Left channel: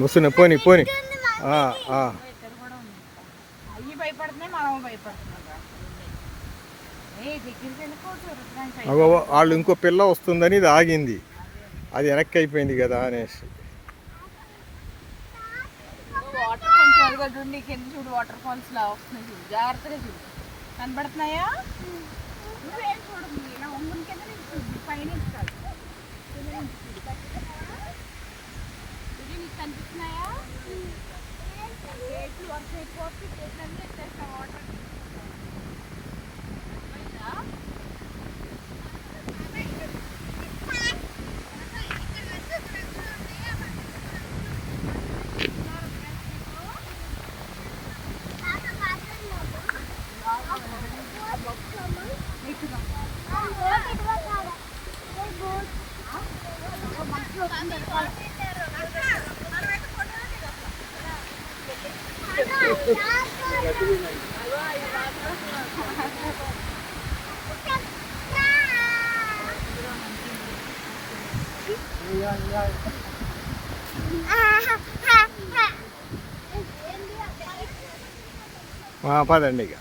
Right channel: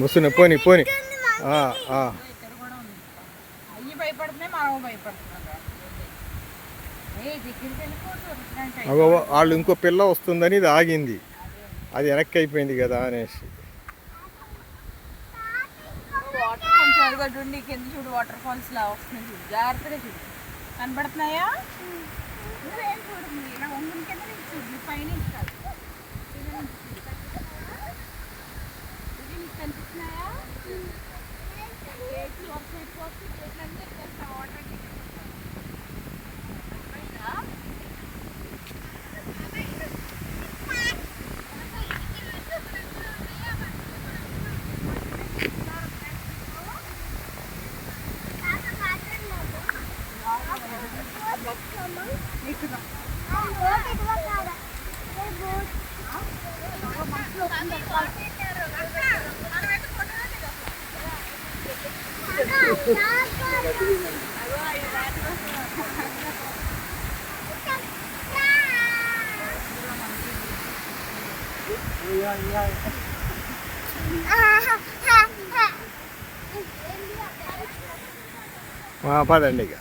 ముస్తున్నా పోని పోని. అయ్యి భయపడుతున్నాయి, మనం భయపడుతున్నాం. వాళ్ళు ఇంకో పిల్ల వస్తుందని ఇది ఆగింది, అది వెనక్కి అయిపోయింది కదా అనేసి. వాటర్ కొంచెం అదిగోండి కింద చూడు, వాటర్ ఫాల్స్ లా వస్తుంది చూడు, జాగ్రత్తగా చూడు. కనబడుతున్నాయా? నువ్వేం చూడండి, ఇలా ఒంగుని కింద నుంచి చూడు, పైన నీకు కనిపిస్తున్నాయా? ప్లేట్లు వర్షం ఎక్కువ వస్తే ప్లేట్లు అన్నీ ఎక్కేస్తాం వాటర్. పదండి ఇక.